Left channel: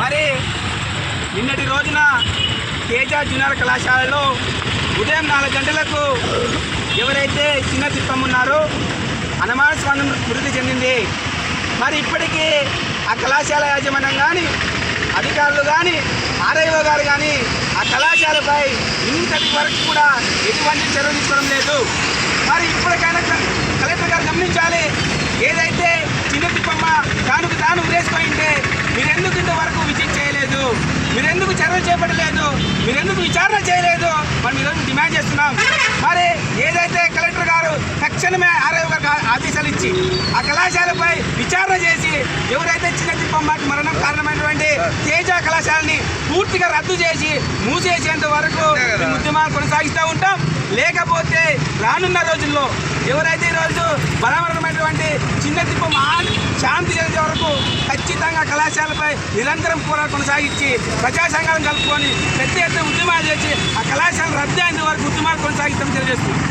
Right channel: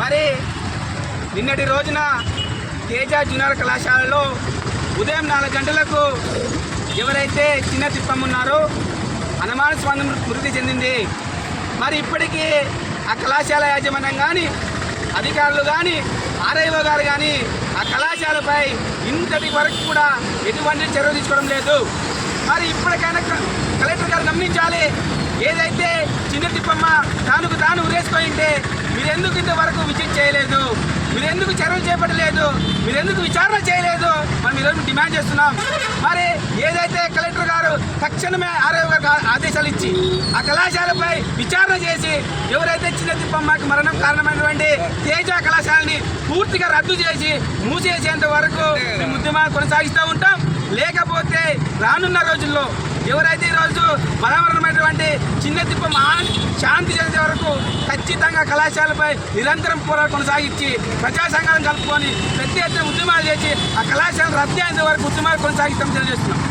మరి నిన్నటి రోజున తేజ జూనియర్ కళాశాలలో ఉదయం 4 గంటలకు ఎవరైతే చిన్న తిప్పమ్మ ఉన్నారో అనుమానాస్పదం మృతి చెందింది. మరి ఇప్పటికీ ఆ కళాశాల యాజమాన్యం కానీ అధికారులు కానీ ఆర్ఐఓ గారు కానీ ఆ కళాశాలపై ఇంతటి వరకు కూడా ఎటువంటి చర్యలు తీసుకోవడం లేదు. మరి ఇప్పటికైనా కలెక్టర్ గారు గమనించాలి. ఏదైతే చిన్న తిప్పమ్మ తానుకు తాను ఉరేసుకుంటే మీరెందుకు ఇంతవరకు విజిట్ చేయలేదు, మీరెందుకు చర్యలు చేపట్టలేదు, మీరెందుకు విచారణ చేయలేదు మనం ఈరోజు డిమాండ్ చేస్తున్నాం. మరి ఏదైతే కలెక్టర్ గారు తక్షణమే ఆర్ఐఓ గారికి ఆదేశాలు ఇచ్చి ఆ కళాశాలపై విచారణ చేసి ఎవరైతే చిన్న తిప్పమ్మకి మరణం కారణమైనటువంటి తేజ కళాశాలని పూర్తిగా రద్దు చేసి మూసేసేంత వరకు ఈ ఉద్యమాన్ని కొనసాగిస్తూ ఉంటాం. లేకపోతే రానున్న రోజుల్లో ఎవరైతే ఈరోజు బలవరమైనటువంటి చిన్న తిప్పమ్మ శాంతి జరిగే వరకు ఖచ్చితంగా కళాశాలపై నిరంతరం పోరాటం కొనసాగించి ప్రజా సంఘాలను కలుపుకొని పెద్ద ఎత్తున ఉద్యమాలు చేసి ఆ కళాశాల రద్దు అయిన వరకు ఉద్యమాలు కొనసాగిస్తామని తెలియజేస్తున్నాం.